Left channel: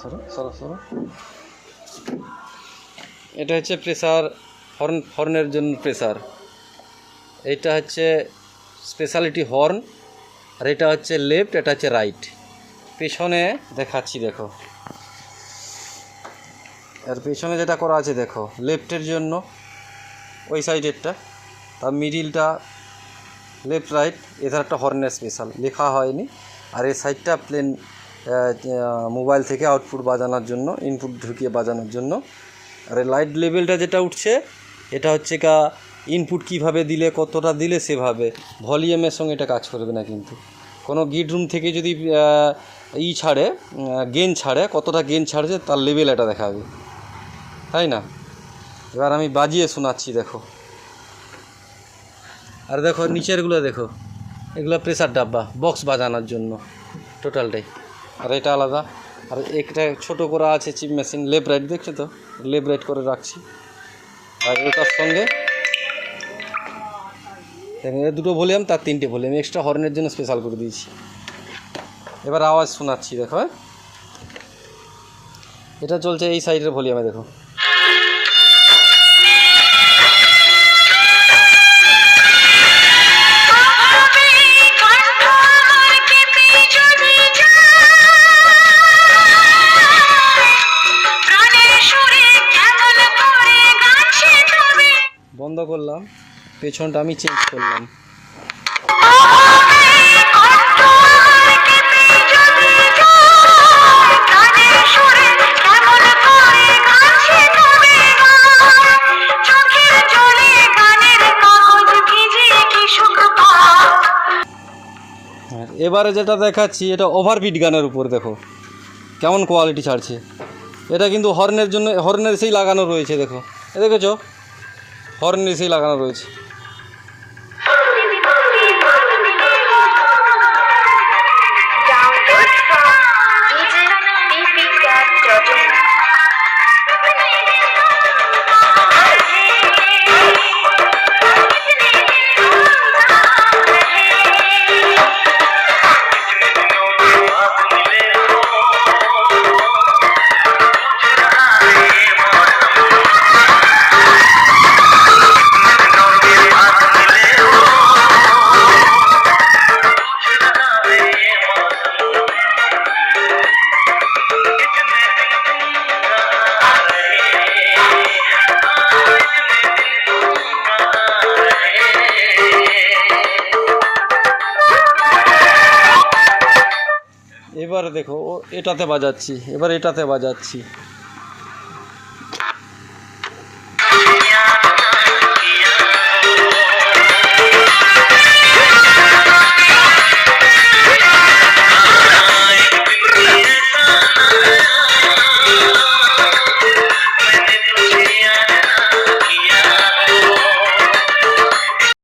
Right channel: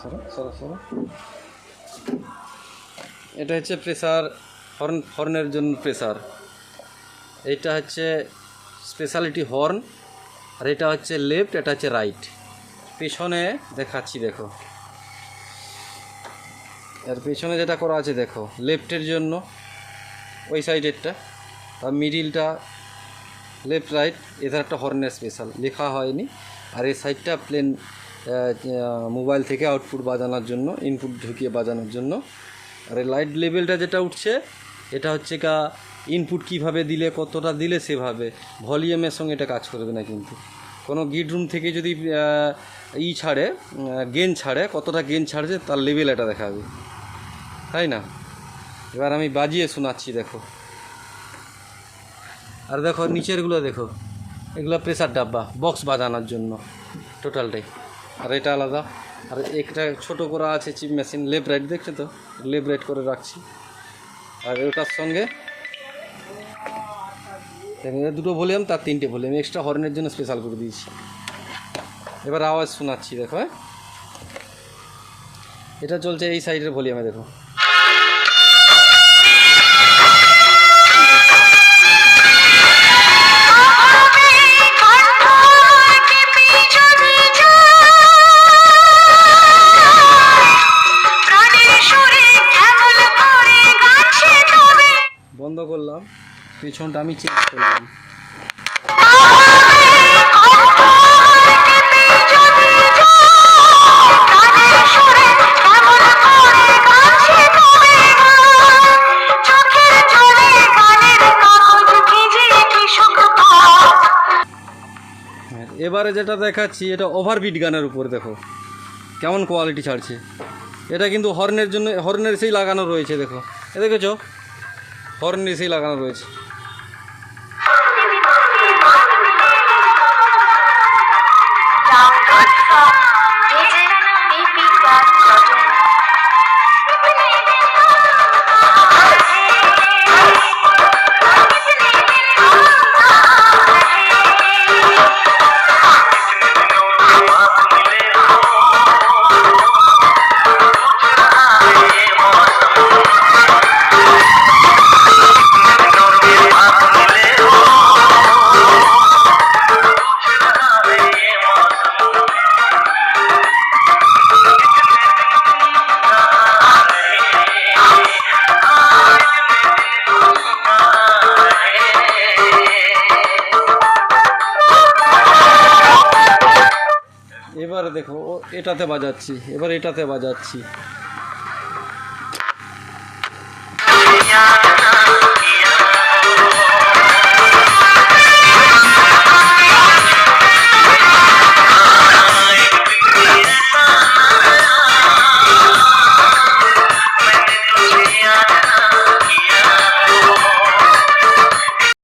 সরো সরো সরো। এটা হচ্ছে প্রেসার, হর্নের জন্য প্রেসার। এইটা হচ্ছে স্পেশালিটি হর্ন, আর এটা হচ্ছে লেফট, এটা হচ্ছে রাইট। পেছনে দেখাচ্ছি দেখো, আর পেছনে যেটা করা আছে দেখো, লেফটের জন্য ওই সাইডেরটা, তার মিডিলটা লেফট রাইট, এধার একটা হর্নের স্পেশাল লেখা হয়নি। আর এই সাইডটা প্লেন মোবাইল থেকে আউটপুট বাজানোর জন্য, ইনপুট ঢুকিয়ে বাজানোর জন্য। আর এই লাইট লেভেলটা যেটা উঠছে, এটা হচ্ছে ইনপুট কিভাবে দিলে, কতটা দিলে সেভাবে, ভলিউমের সঙ্গে এটা কাজ করবে না। কিন্তু কোনো গিট রুম থেকে যদি ছাড়ে, গেন ছাড়ে, কতটা গেন ছাড়ছে তার লেভেল এটা দেখাবে, তাই না? এবার আমি বাজিয়ে শোনাচ্ছি দেখো। আর দেখো নিচেরগুলো দেখো, এগুলো প্রেসার ডাব্বা, বক্স বাজানোর জন্য টোটালটাই। আর এটা আলাদা। আর একটা ছোটো করা আছে চিপ মেশিন, লেফট রাইট, দেখছো তো, লেফট রাইট করে রাখছি। আর ওটার সঙ্গে দুটো ভলিউম, তার 3টে ভলিউম এক্সট্রা হর্নের জন্য স্পেশাল করে দিয়েছি। এবার আওয়াজ শোনাচ্ছি দেখো। হ্যাঁ, এটা চলছে এই সাইডের ভলিউমে দেখো। বন্ধ করলাম, পেছনটা আমি চেঞ্জ করলাম। এবারে যেটা দেখাচ্ছি, এটা ওভারবিট গানের উপর দেখো কেমন কোয়ালিটি ছাড়ছে। এটা কিন্তু হর্নের জন্য, হর্নের সেই লাগানো রয়েছে দেখো, এ দেখেছো, হর্নের সেই লাগানো রয়েছে। এবারে দেখো এটাতে বাজাচ্ছি, এবার এটাতে বাজাচ্ছি।